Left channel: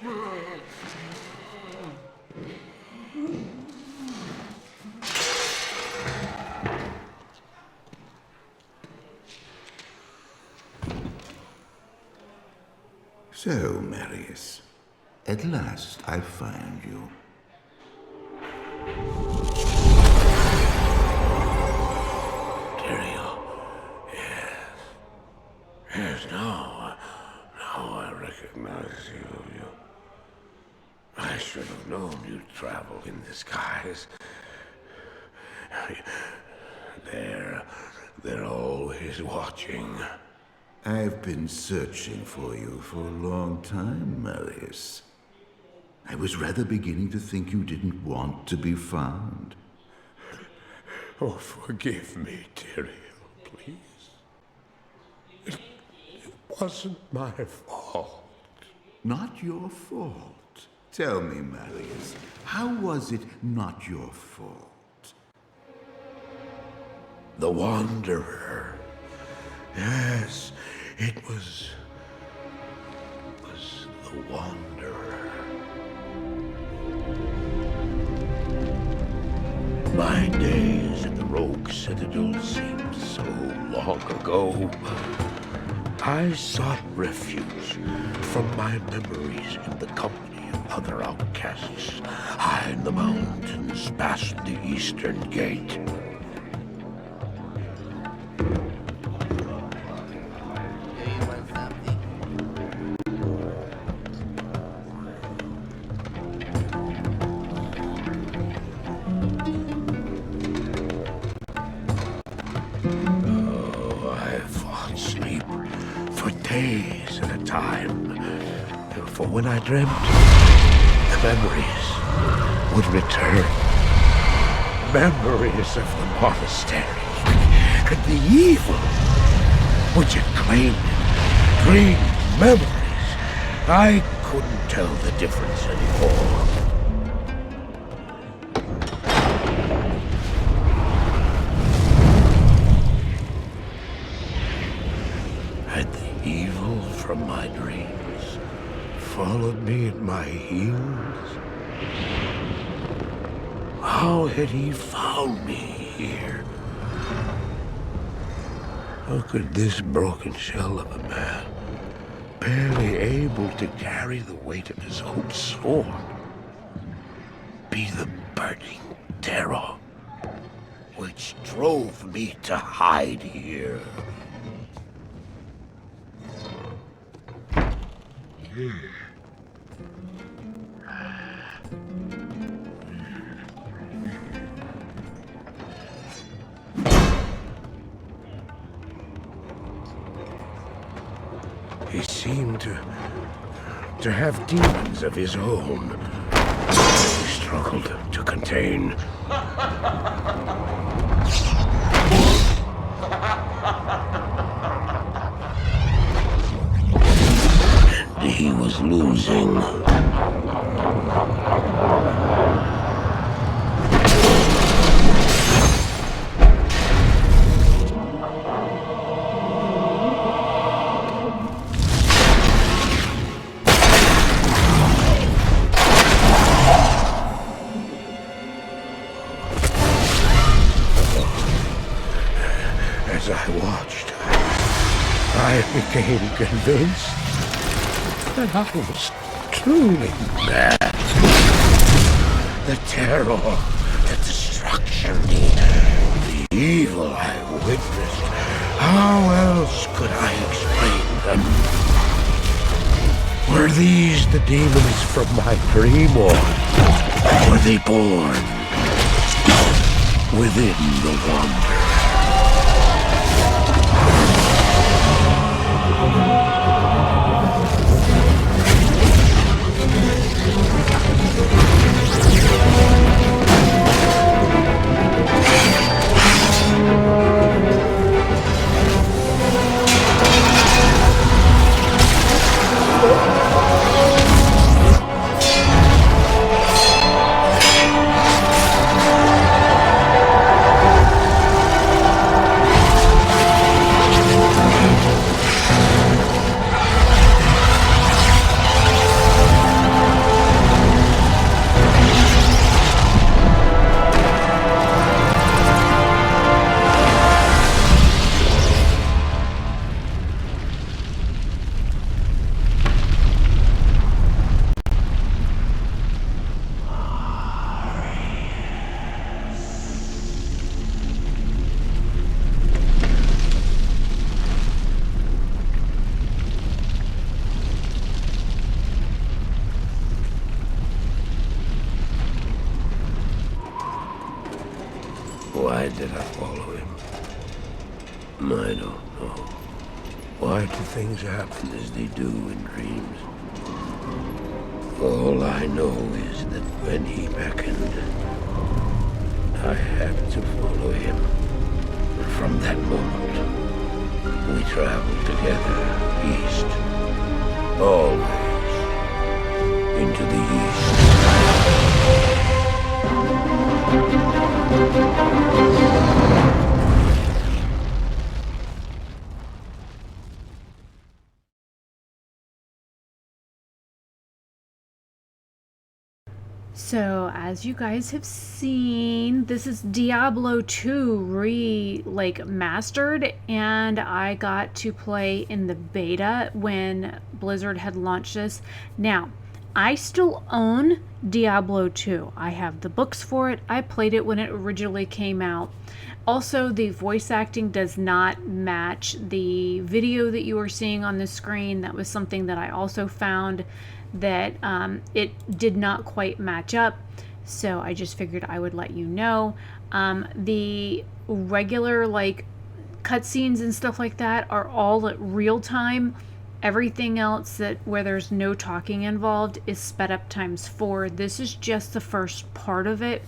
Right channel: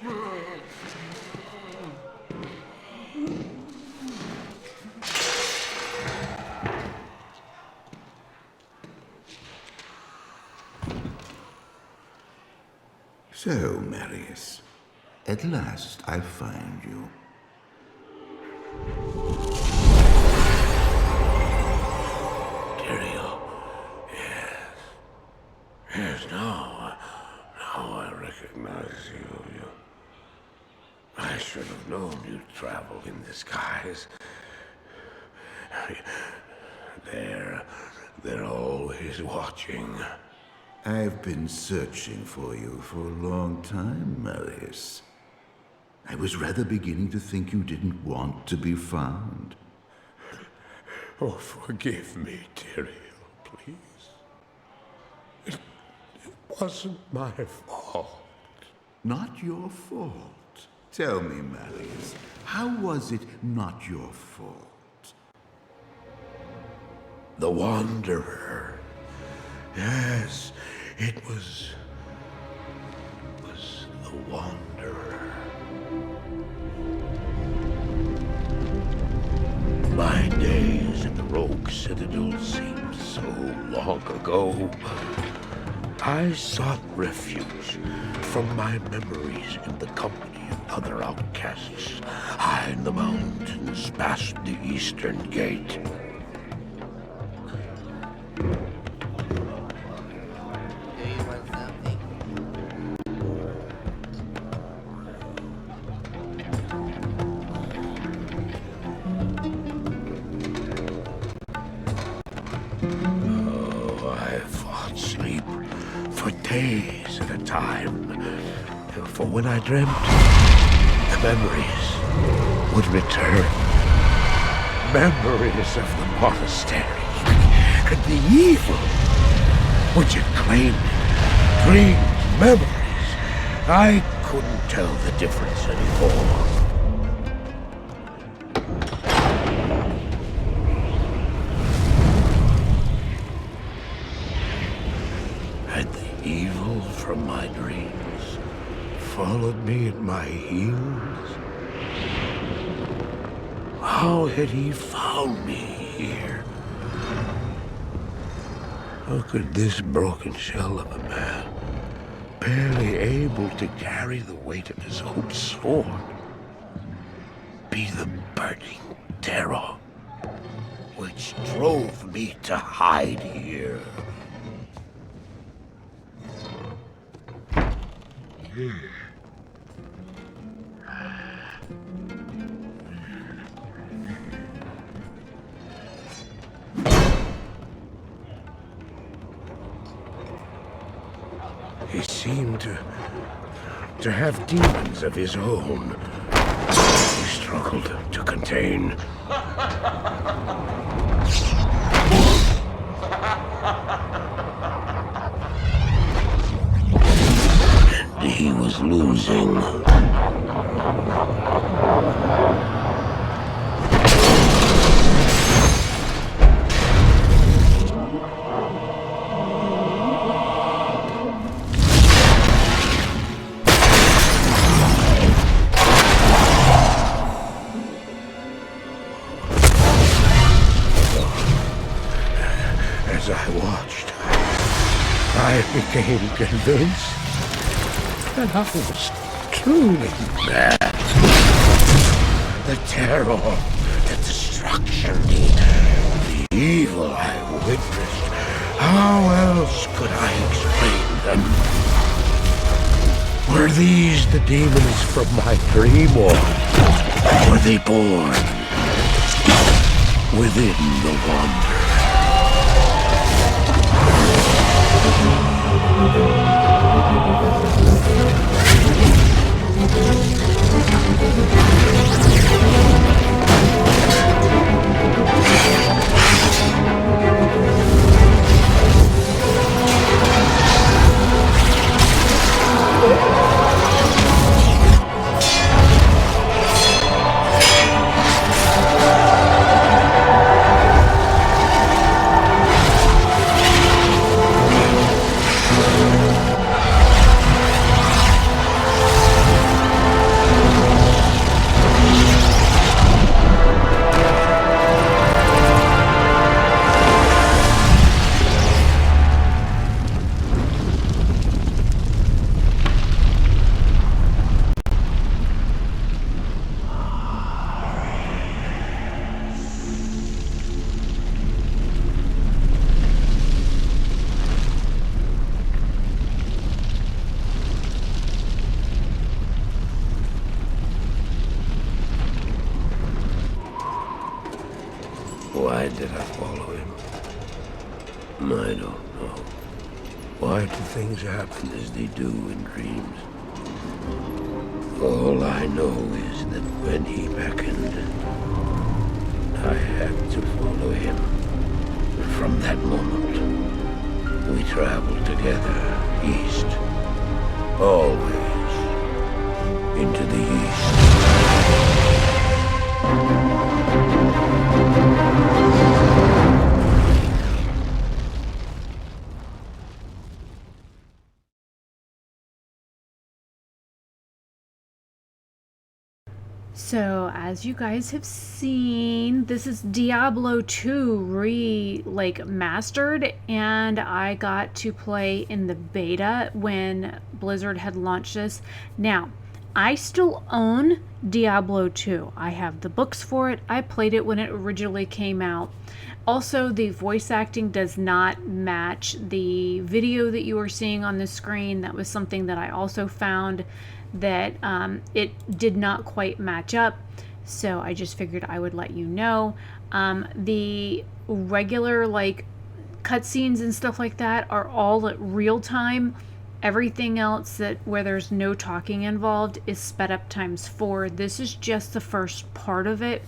So, Marius, at last I find you. Tyrael, yes. Yes, now I recognize you. I should have known you'd travel in disguise. They're always watching. I've been searching for you for a long time, Marius. I was rather beginning to think you didn't want to be found. Oh, forgive me, Tyrael, please. It wasn't my fault. Not your fault. Tell me, Marius, how was it not your fault? The Wanderer. Yes, it was the Wanderer. My days at the Rogue Citadel seemed so long ago. I sought refuge from my memories in the company of other outcasts, high in the mountains past the Eastern Gate. Days at a time. For when I dreamt, the memories would return. Memories of the monastery and the evil which had claimed it. Dreams, memories. I couldn't tell the difference anymore. Evil from my dreams followed me at my heels. How had he found me here? How could this broken shell of a man, barely able to carry the weight of his own sword, be the burning terror which drove me to hide here? He seemed to have demons of his own. He struggled to contain. And he was losing. As I watched, I became convinced that I was truly mad. The terror, the destruction, the evil I witnessed. How else could I explain them? Were these the demons from my dream, or were they born within the Wanderer? Why did I follow him? I don't know. Why do things happen as they do in dreams? All I know is that when he beckoned, I had to follow him. From that moment, we traveled together, east. Always. Into the east. So, as you guys have seen, this is Diablo 2 mastered, and I got to play in the beta when Blizzard had launched this. Now, I still own Diablo 2. I have the books for it. I played it when it originally came out. Also, the voice acting does not match the video that you are seeing on the screen. That was something that I also found that it did not quite match up. So I just figured I would let you know. The regular cutscenes and stuff like that are all at real time. Everything else that where there's no talking involved is sped up ×4. This is just the first part of it,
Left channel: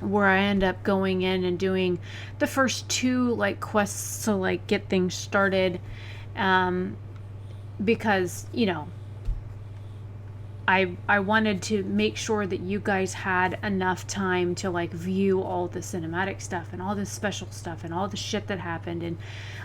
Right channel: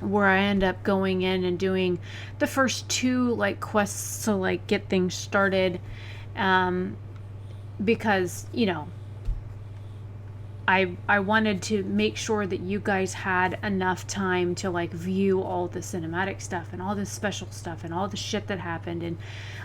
where I end up going in and doing the first two quests to get things started, because I wanted to make sure that you guys had enough time to view all the cinematic stuff and all this special stuff and all the shit that happened. And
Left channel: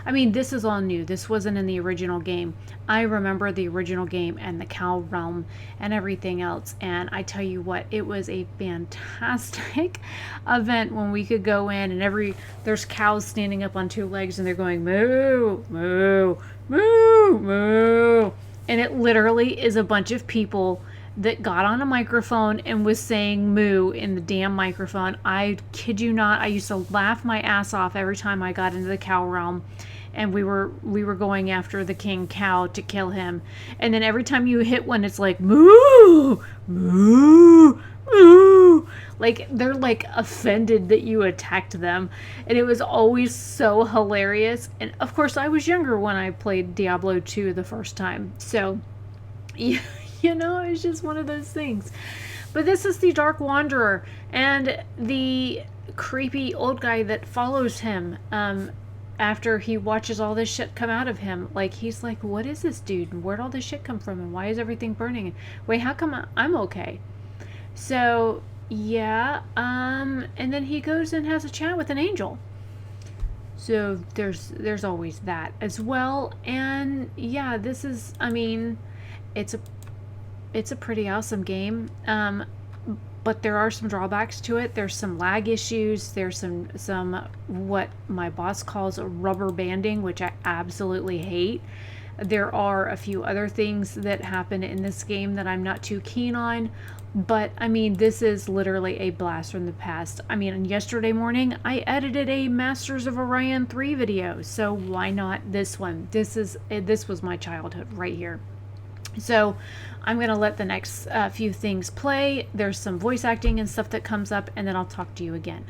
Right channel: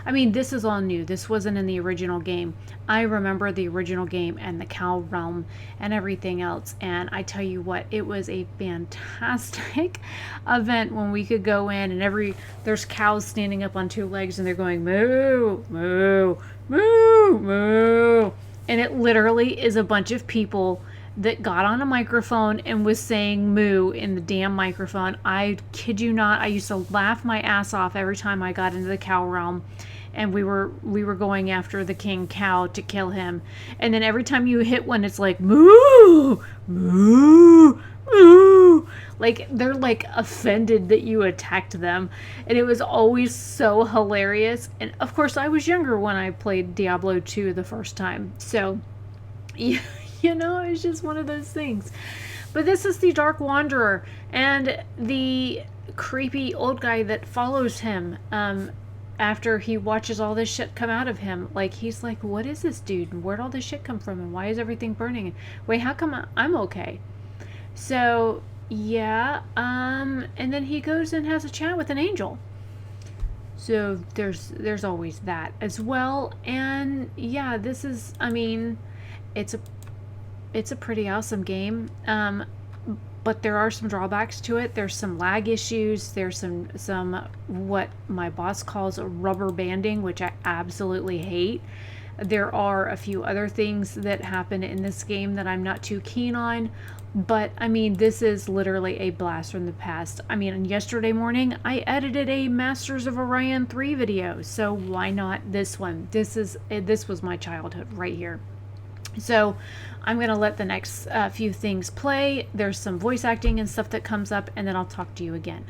I mean, this is all new. This wasn't in the original game. I remember the original game and the cow realm and everything else, and I tell you what, it was a fantastic event when we could go in and there's cows standing up on two legs and they're going moo, moo, moo, moo. And it literally is a bunch of people that got on a microphone and was saying moo in the damn microphone. I kid you not. I used to laugh my ass off every time I got into the cow realm and we were going after the king cow to kill him. And then every time you hit one, it's like moo, moo, moo. They're offended that you attacked them. And it was always so hilarious. And of course, I was younger when I played Diablo 2 the first time. So, it's just one of those things. But this is the Dark Wanderer and the creepy old guy that follows him after he watches all this shit come out of him. He's like, what is this dude? Where'd all this shit come from? And why is everything burning? Wait, how come I'm okay? So, yeah, and then he goes and has a chat with an angel. So there's always that as well. And yeah, this is, it's a pretty awesome game. But there are some drawbacks to it. There's some lag issues. There's some what my boss calls rubber banding, which I absolutely hate. There are a few other things that happen in this game that I'm not too keen on. But, this is literally a blast from the past. Yesterday morning, I edited a Masters of Orion 3 video. So why not this one? This was my childhood right here. So I'm going to let the next few things play. There's some voice acting and stuff that comes up, and then I'll talk to you again.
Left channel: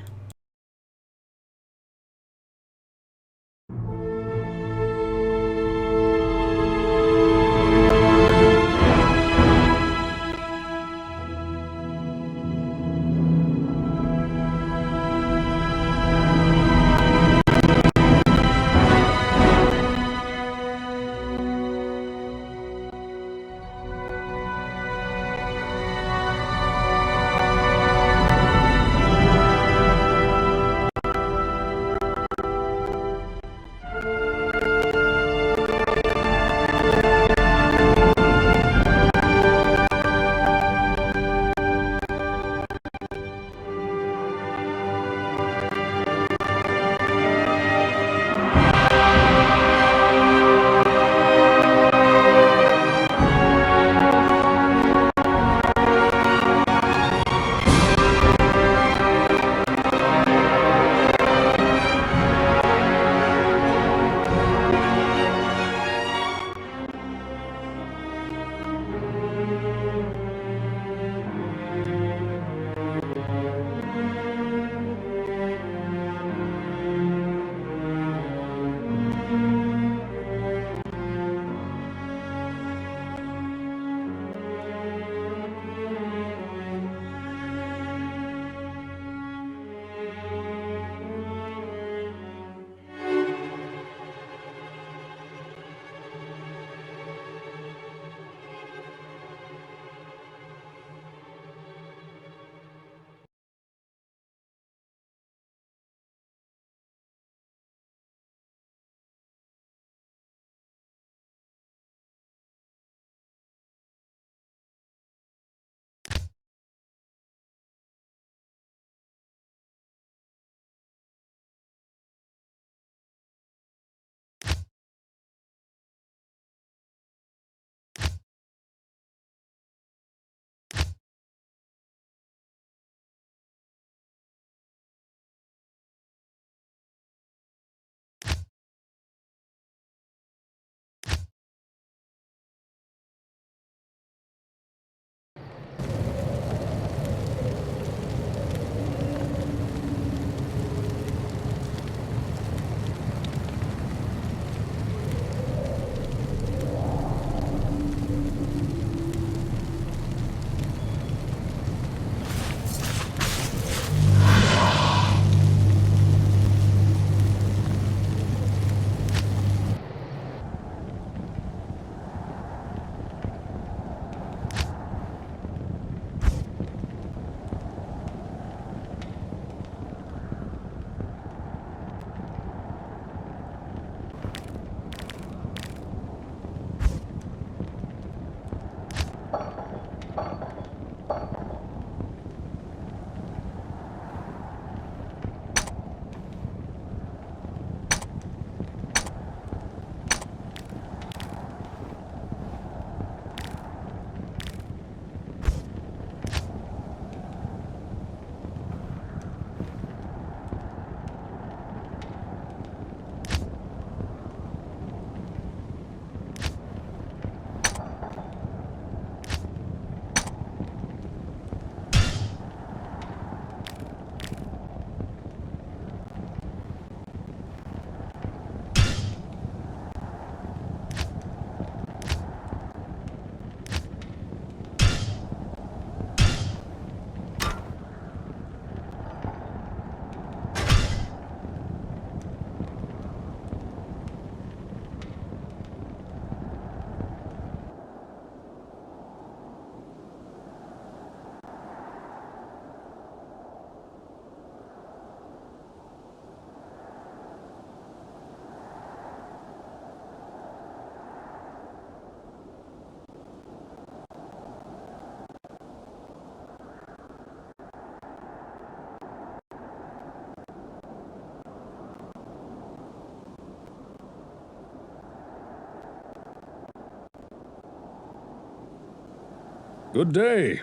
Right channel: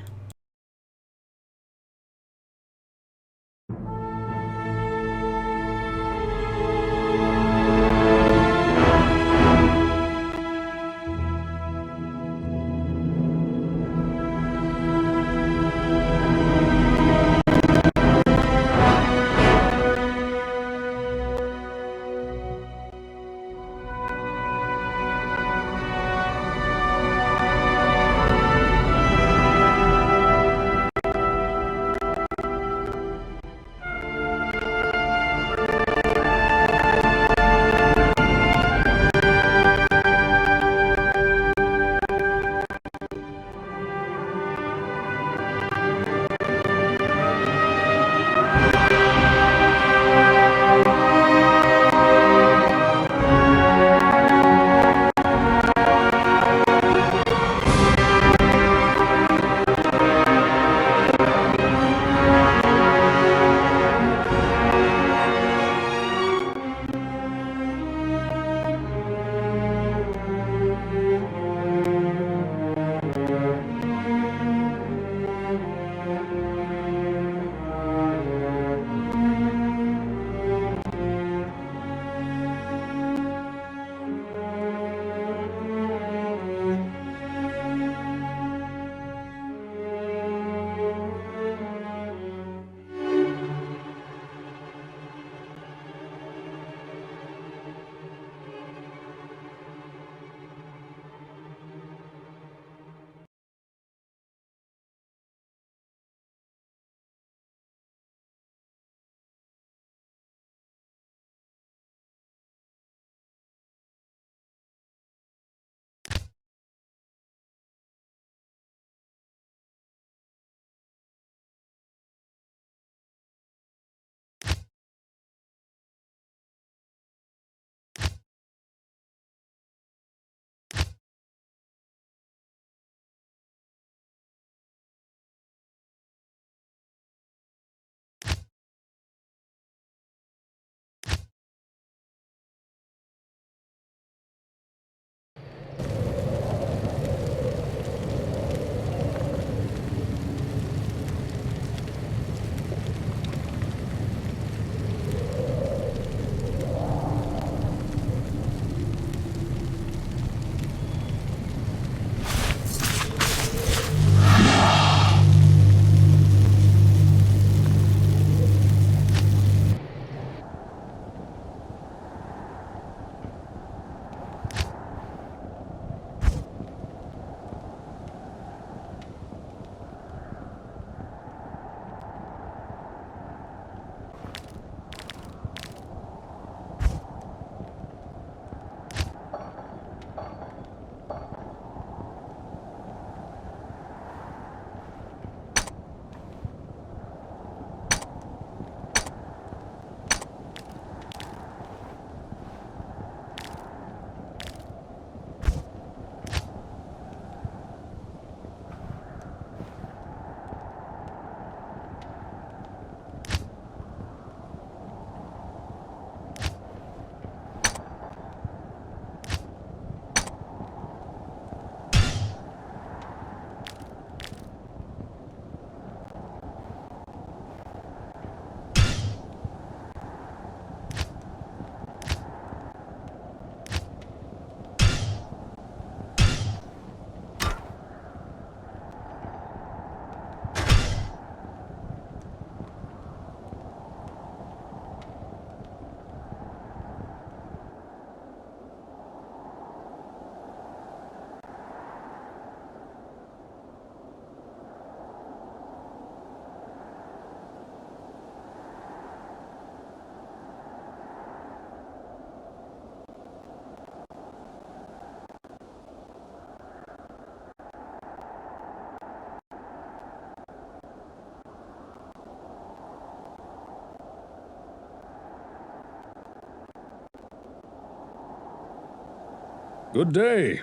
Good day.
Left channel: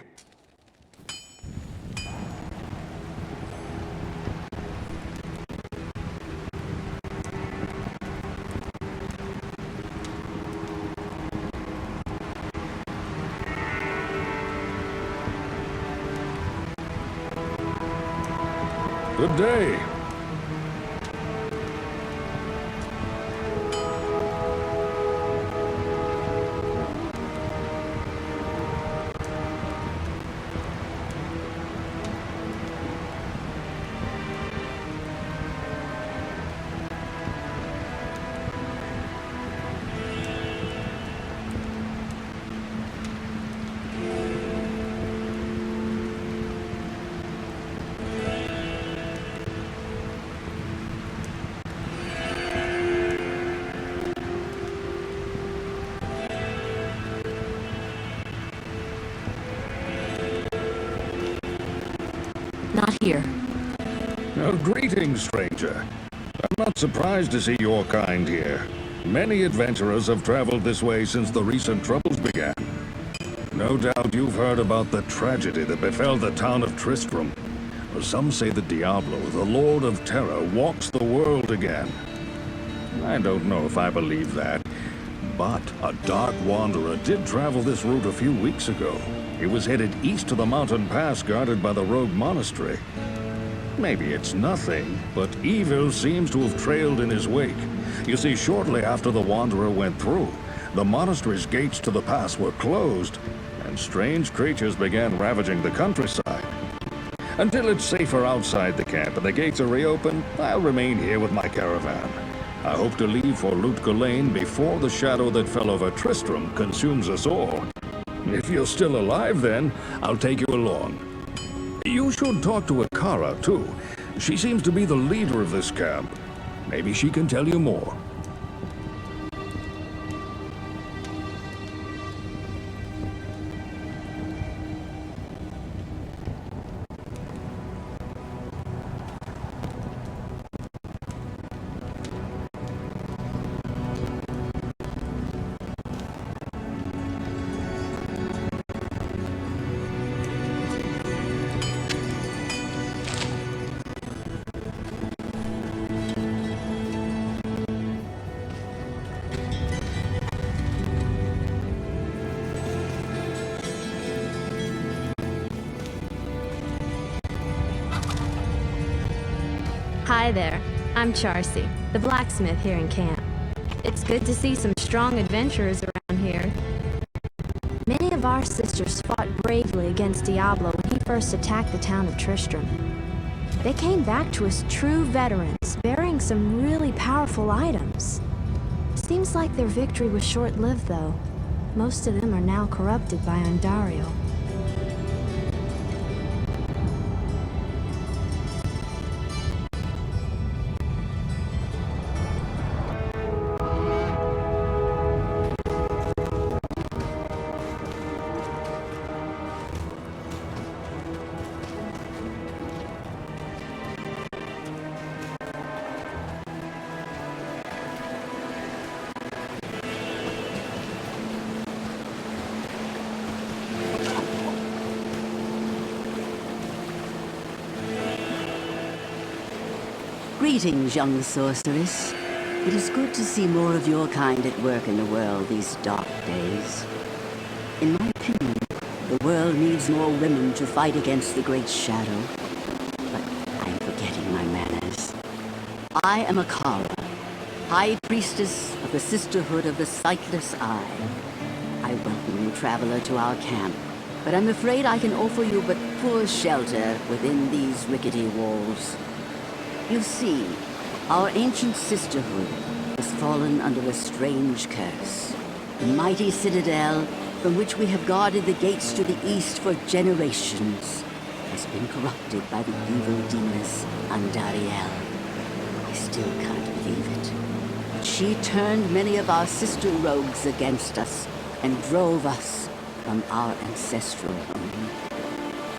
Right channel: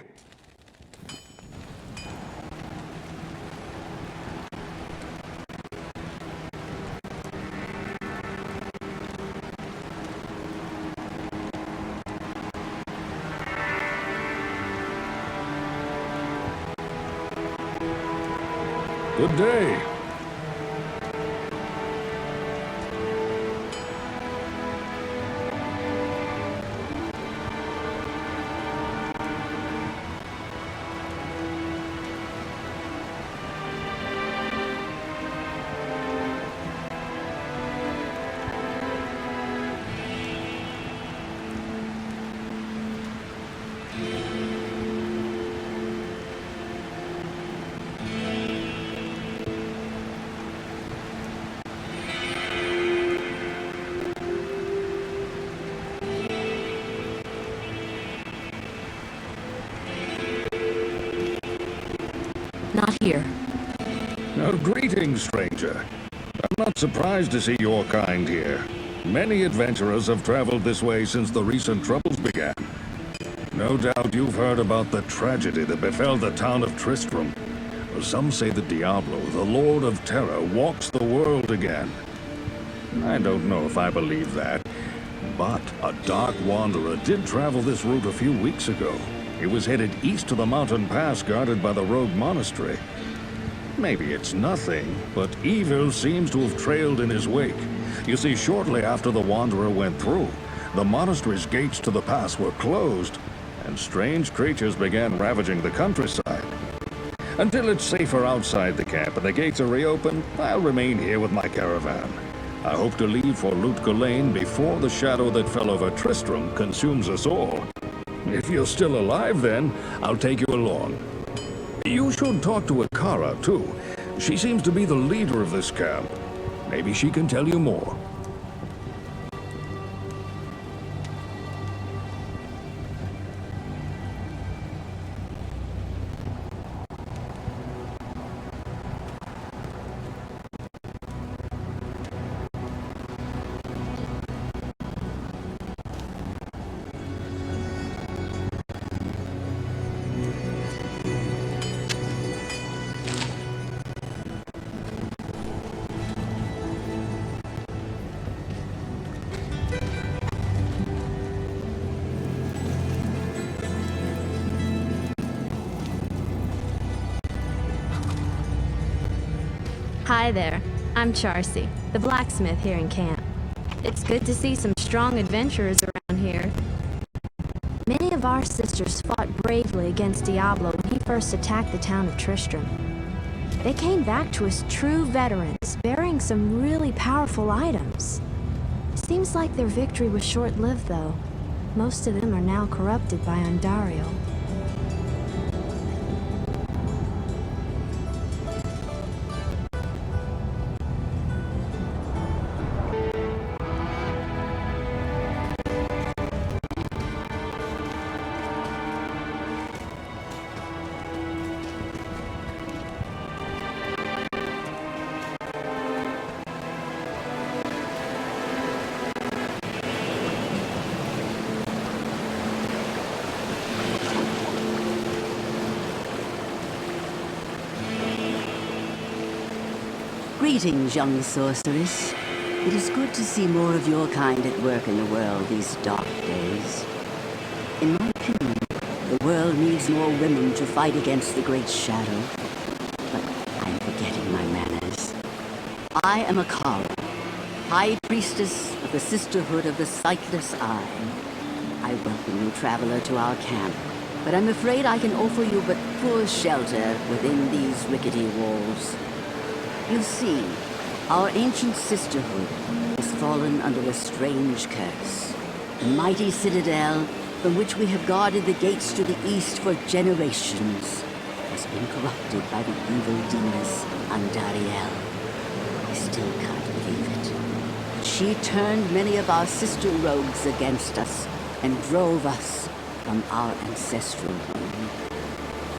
Good day. Not here. Greetings, stranger. I'm not surprised to see your kind here. Many adventurers have traveled this way since the recent troubles began. No doubt you've heard about the tragedy that befell the town of Tristram. Or some say that Diablo, the Lord of Terror, walks the world again. I don't know if I believe that, but a dark wanderer did travel this route a few weeks ago. He was headed east to the mountain pass guarded by the rogue monastery. Maybe it's nothing, but evil seems to have trailed in his wake. You see, shortly after the wanderer went through, the monastery's gates to the pass were closed, and strange creatures began ravaging the countryside. Until it's safer outside the camp and the gates are reopened, I'll remain here with my caravan. I hope to leave for Lutga Lane before the shadow that fell over Tristram consumes us all. If you're still alive, then I'll take you along. You should talk to Akara, too. She seems to be the leader of this camp. Maybe she can tell you more. Hi there. I'm Charcy, the blacksmith here in camp. It's good to see some strong adventurers around here. Many of our sisters fought bravely against Diablo when he first attacked the town of Tristram. They came back to us true veterans, bearing some really powerful items. Seems like their victory was short-lived, though. Most of them are now corrupted by Ondario. Greetings, young sorceress. It is good to see more of your kind at work in the world these dark days. In my opinion, the world needs more women to fight against the Great Shadow. But I'm forgetting my manners. I am Akara, High Priestess of the Sisterhood of the Sightless Eye. I welcome you, traveler, to our camp, but I'm afraid I can offer you but poor shelter within these rickety walls. You see, our ancient sisterhood has fallen under a strange curse. The mighty citadel, from which we have guarded the gates to the east for generations, has been corrupted by the evil demoness Andariel. I still can't believe it. But she turned many of our sister rogues against us and drove us from our ancestral home.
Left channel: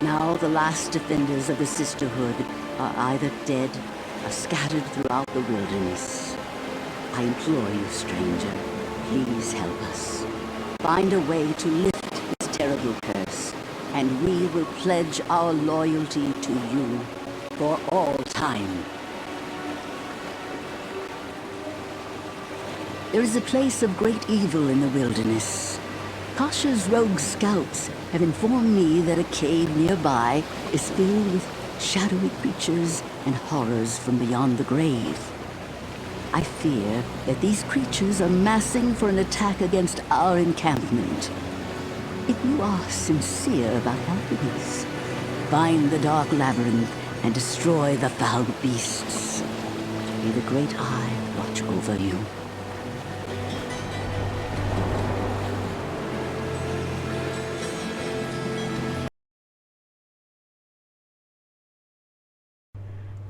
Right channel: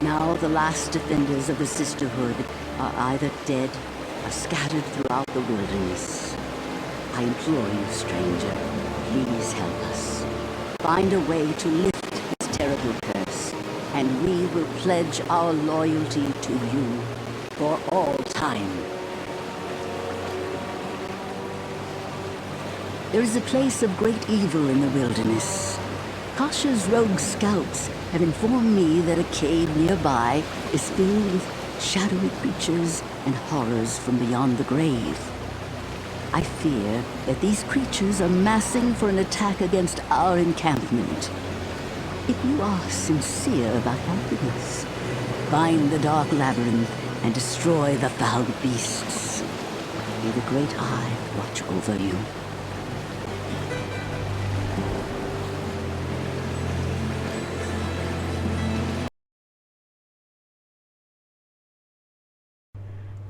Now the last defenders of the sisterhood are either dead or scattered throughout the wilderness. I implore you, stranger, please help us. Find a way to lift this terrible curse. and we will pledge our loyalty to you for all time. There is a place of great evil in the wilderness. Kasha's rogue scouts have informed me that a cave nearby is filled with shadowy creatures and horrors from beyond the grave. I fear that these creatures are massing for an attack against our encampment. If you are sincere about helping us, find the dark labyrinth and destroy the foul beasts. May the Great Eye watch over you.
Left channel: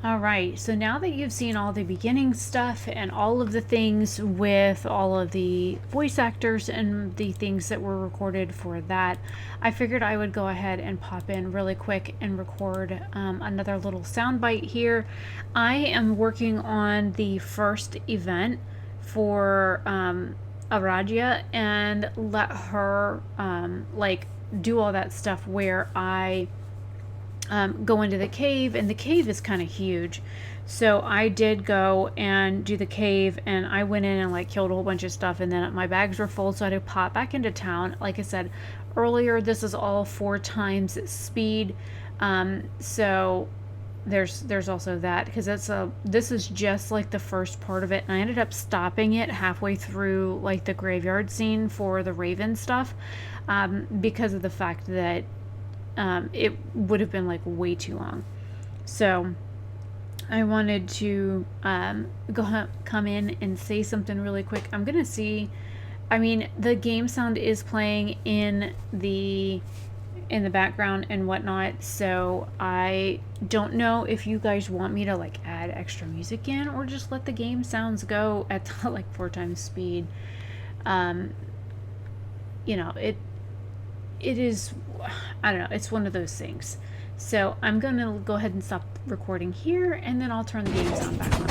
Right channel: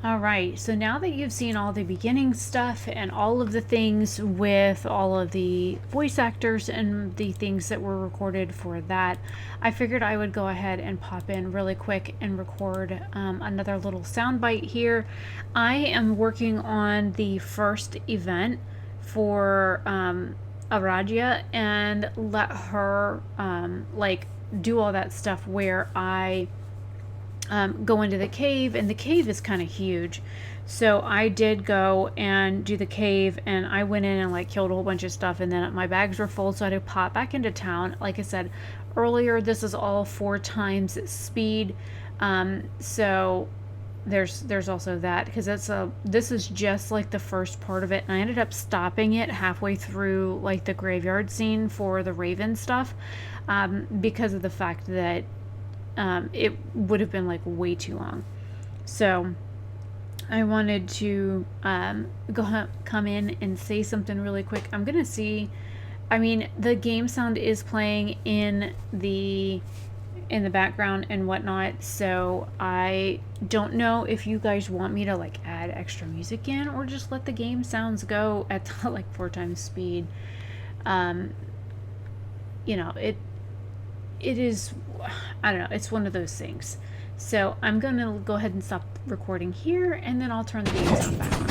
Alright, so now that you've seen all the beginning stuff and all of the things with all of the voice actors and the things that were recorded for that, I figured I would go ahead and pop in really quick and record another little soundbite here. I am working on the first event for Aradia and let her like do all that stuff where I go into the cave, and the cave is kind of huge. So I did go and do the cave, and I went in and like killed a whole bunch of stuff, and then my bags were full, so I had to pop back into town. Like I said earlier, this is all 4 times speed. So there's also that, because this is just like the first part of it, and I ended up stopping it halfway through like the graveyard scene for the Raven stuff, because of the fact that it would have been like way too long. So I wanted to come in and say something really quick. I'm gonna see, I mean, the game sound is playing in the background and whatnot, so I don't know if you guys want me to like add extra music in or just let the game sounds go at like 4 times speed. You know, it is, I don't know, it's one of those things. So I'm gonna go ahead and stop recording here, and then I'll turn the game sound back on.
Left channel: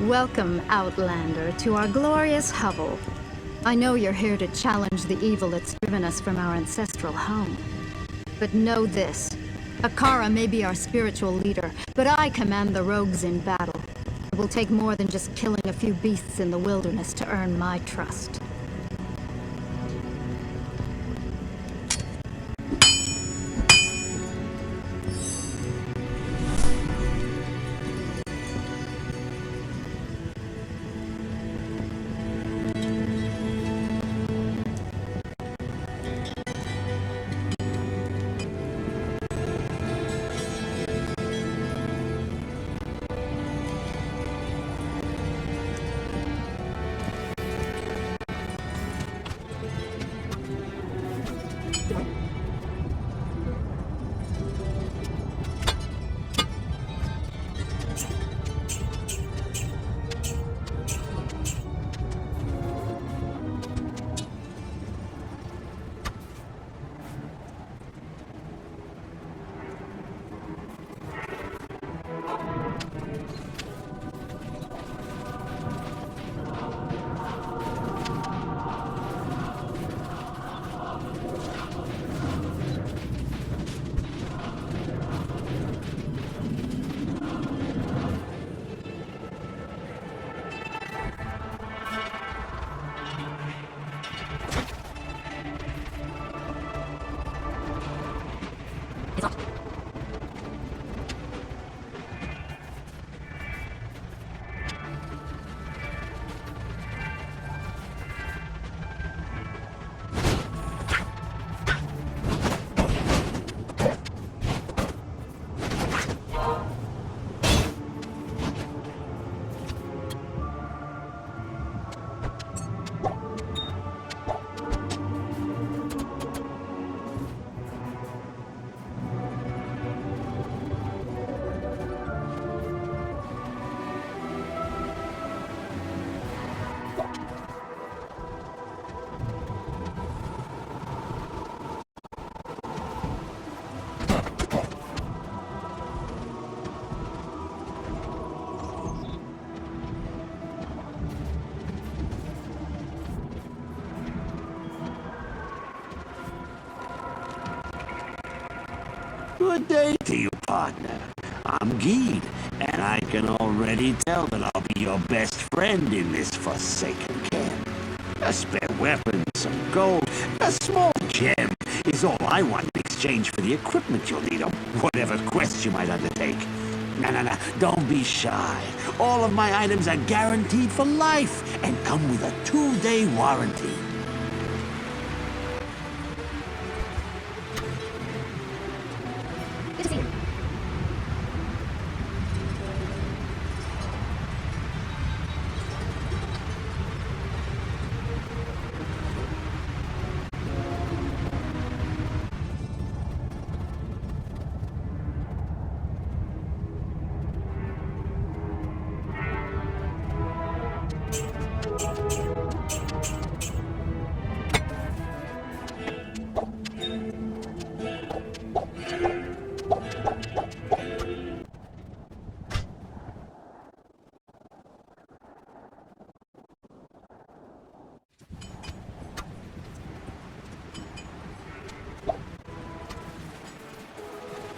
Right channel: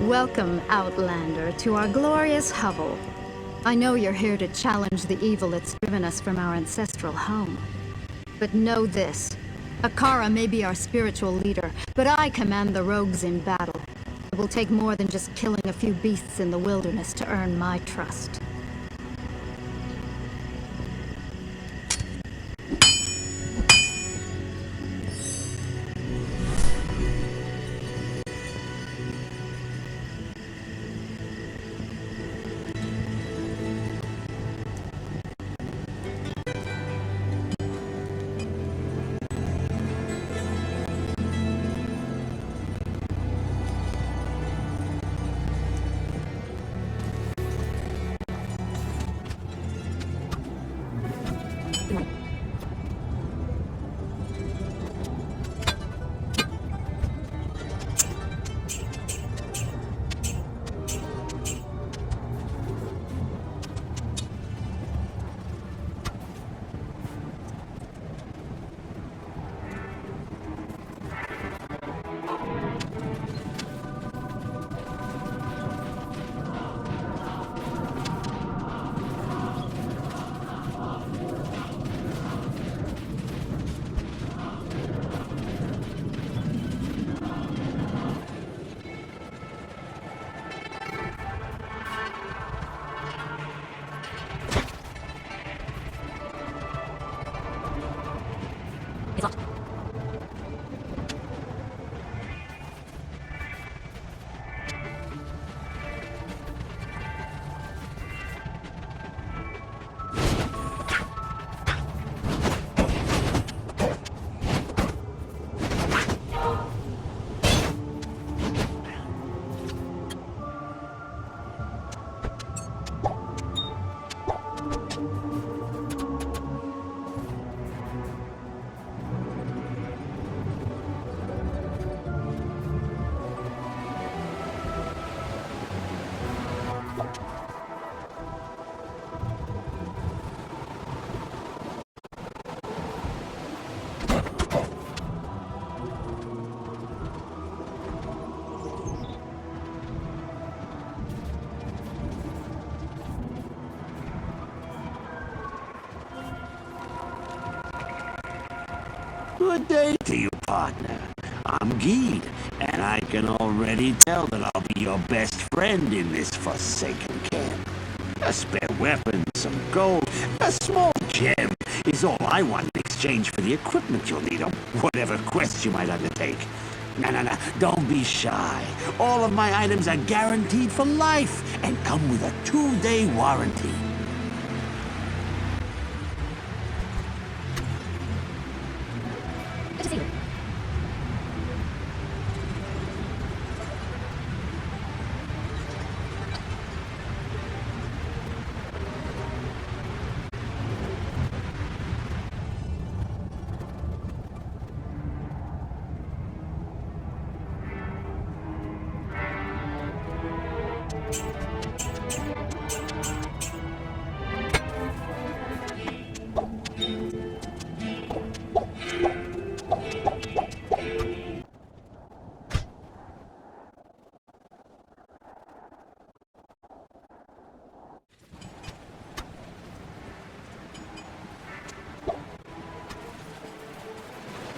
Welcome, Outlander, to our glorious hovel. I know you're here to challenge the evil that's driven us from our ancestral home. But know this. Akara may be our spiritual leader, but I command the rogues in battle. will take more than just killing a few beasts in the wilderness to earn my trust. Good day to you, partner. I'm Geed, and I can already tell that I'll be your best friend in this forsaken camp. A spare weapon, some gold, a small gem is all I want in exchange for the equipment you'll need on whatever quest you might undertake. No, don't be shy. All of my items are guaranteed for life and come with a 2-day warranty. Good to see you.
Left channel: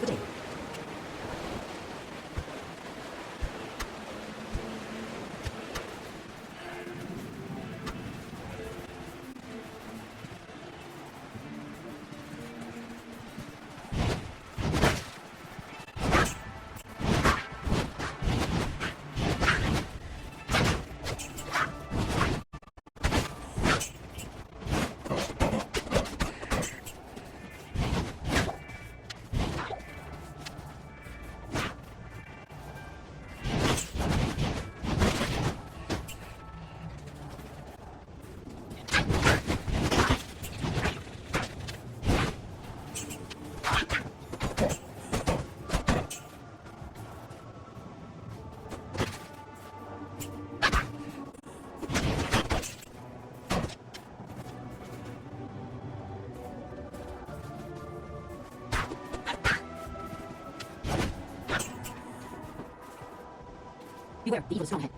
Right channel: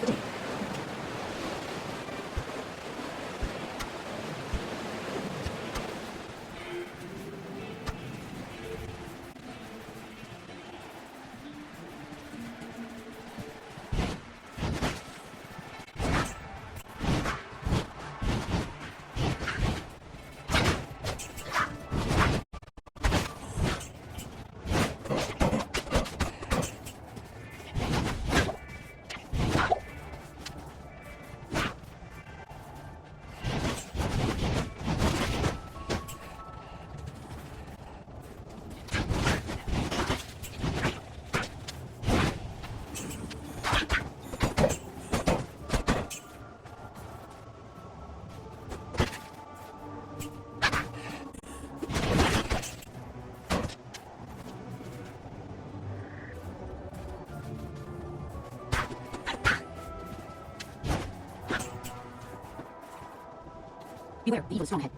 Good day. Beware, the evil strong head.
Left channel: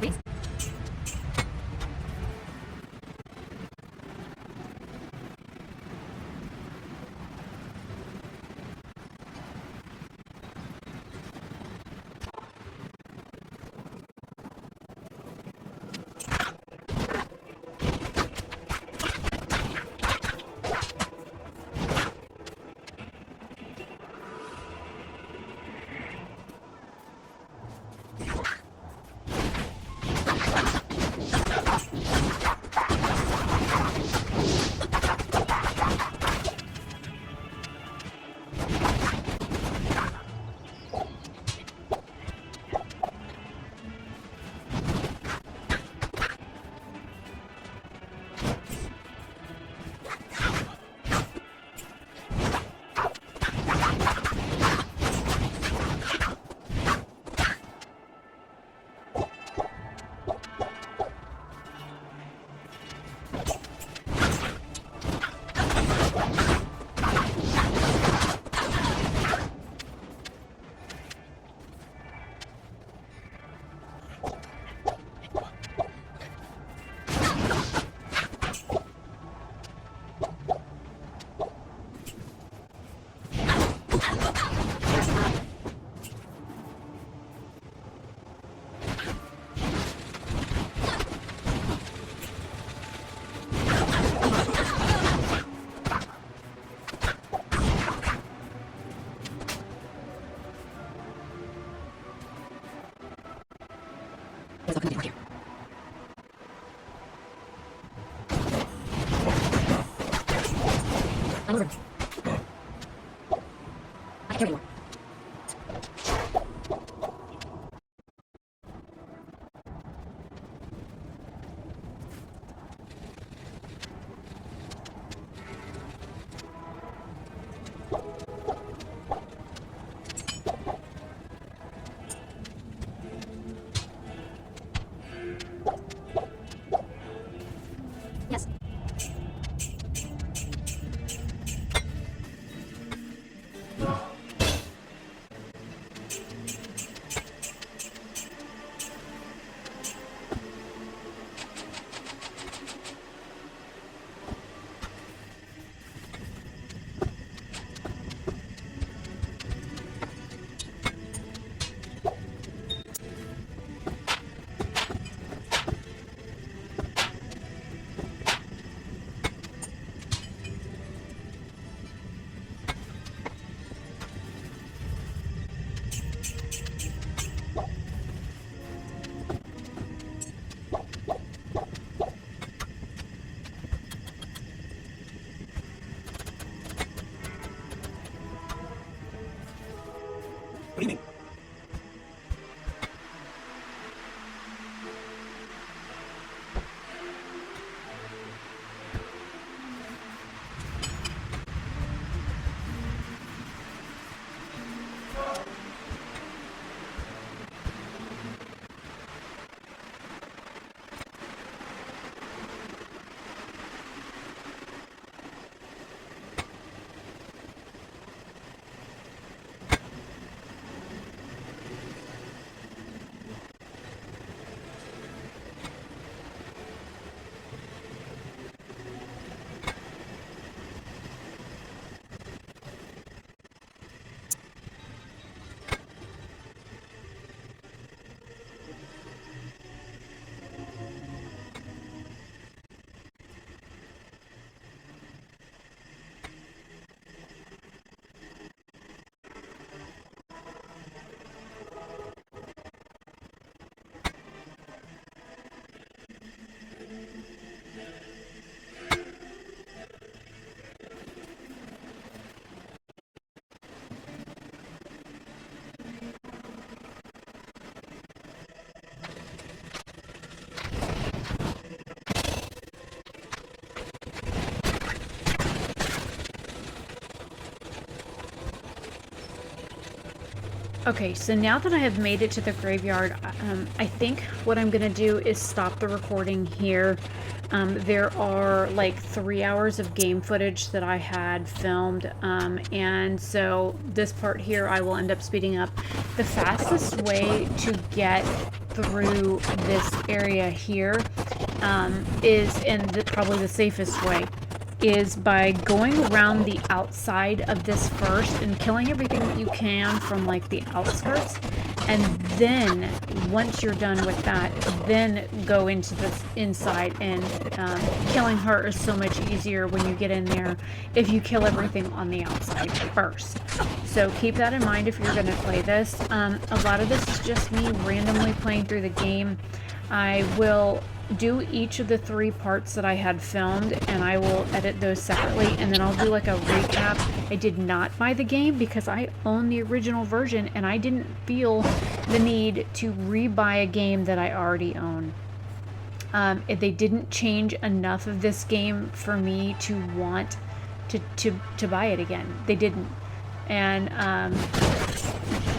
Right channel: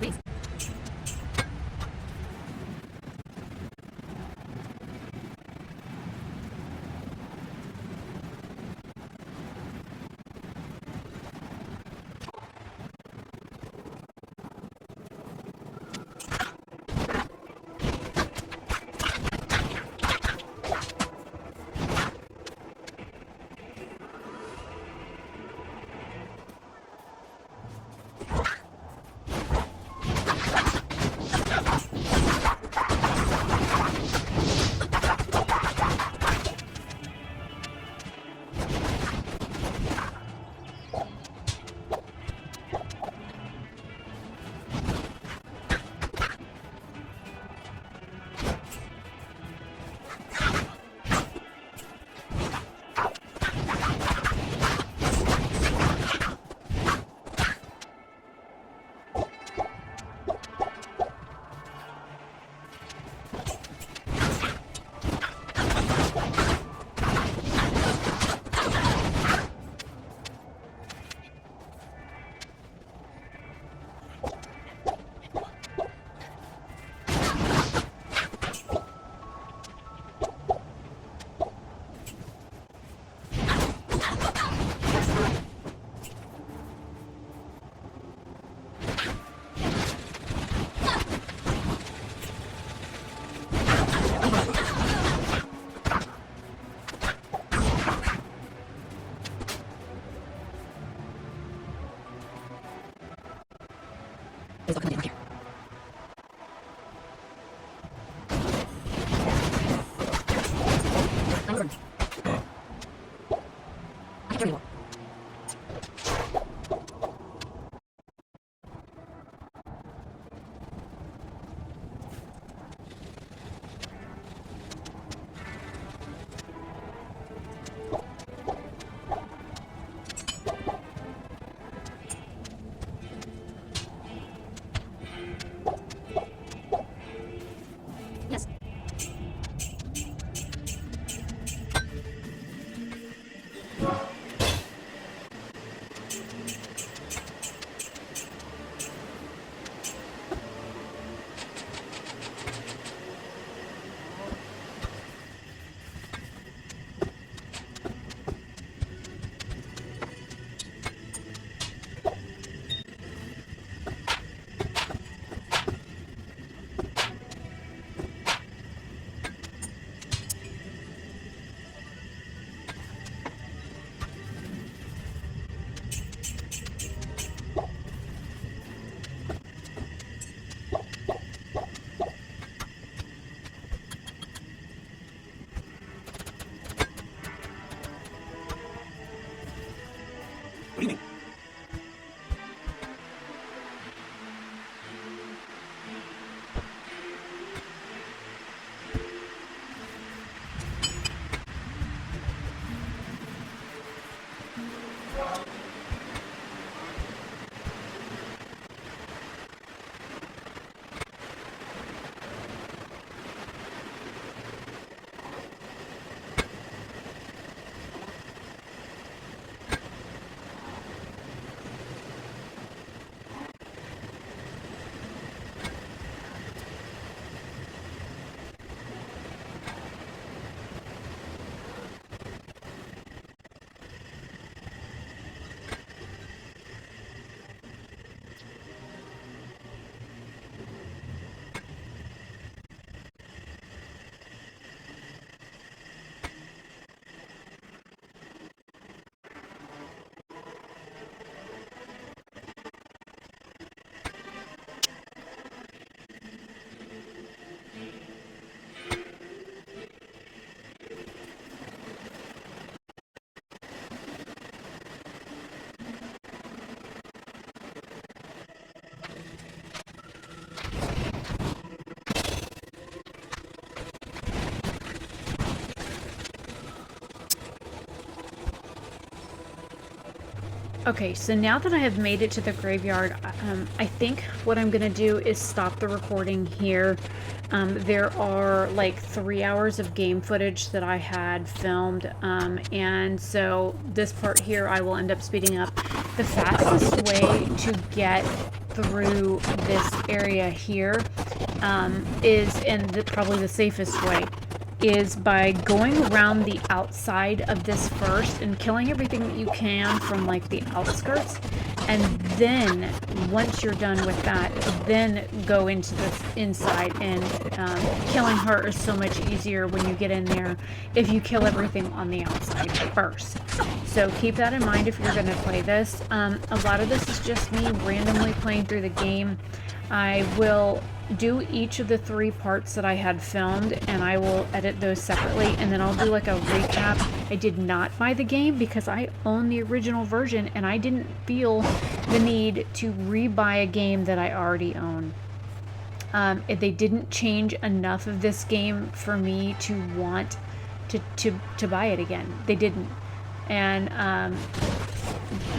Thanks. Okay, so now that I have made it to the graveyard, I think what I'm gonna do is stop the recording here. There are like 3 hours of game footage that I had filmed, and so this part here I will end up speeding up. The fastest way to get through this area here is, and probably the safest way, is by going around the outside of this first and killing everything that you can from like the outskirts, and then once you're done with that, then go into this inside. And killing her is so much easier when you get in there if you kill everything on the outside first. So keep that in mind if you're going to play this. A lot of this is just me randomly playing through the game. I will do each of the 3 parts that I had filmed, and I will edit those separately, and then I'll do like a recap. I did not buy the game because I own the original version, and I didn't feel the need to re-buy a game that I already own. They didn't change enough of this game for me to want to buy it again. They didn't. And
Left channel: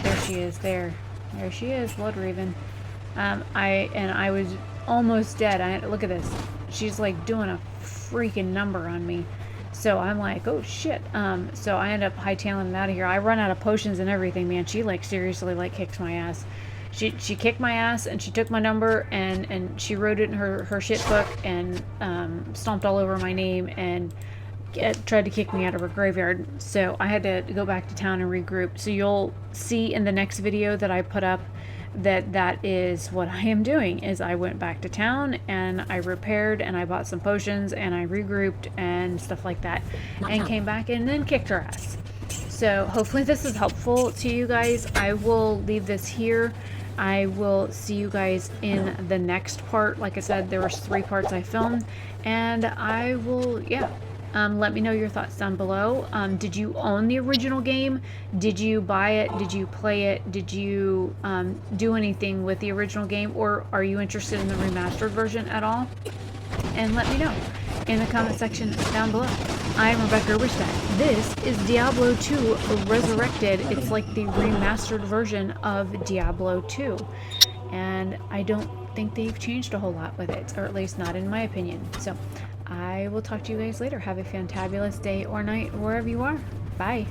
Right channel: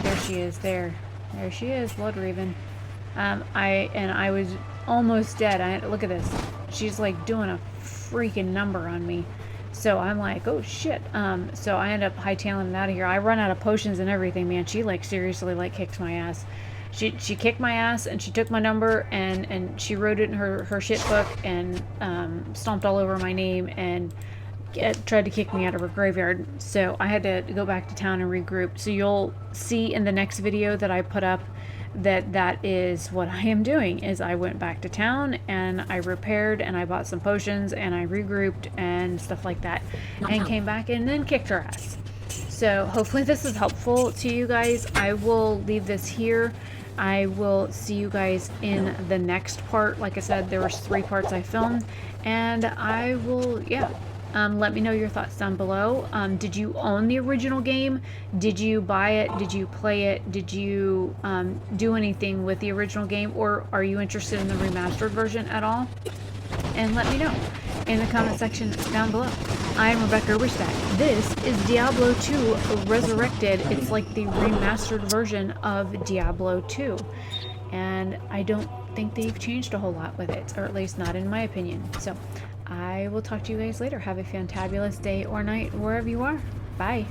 there she is. There she is, Blood Raven. I was almost dead. Look at this. She's like doing a freaking number on me. So I'm like, oh shit. So I end up hightailing it out of here. I run out of potions and everything, man. She like seriously like kicks my ass. She kicked my ass, and she took my number, and she wrote it in her shit book, and stomped all over my name, and tried to kick me out of her graveyard. So I had to go back to town and regroup. So you'll see in the next video that I put up that is what I am doing, is I went back to town and I repaired and I bought some potions and I regrouped and stuff like that, and came back and then kicked her ass. So hopefully this is helpful to you guys. I will leave this here. I will see you guys in the next part. Like I said, there was 3 parts I filmed, and I will, let me know your thoughts down below. Did you own the original game? Did you buy it? Did you play it? Did you do anything with the original game? Or are you interested in the remastered version at all? And let me know in the comment section down below. I am Rebecca Oberstadt. This is Diablo 2 Resurrected. It's like the remastered version of Diablo 2. And I don't think they've changed a whole lot with it, or at least not in my opinion. So I will talk to you guys later. Have a fantabulous day or night wherever you are. Bye.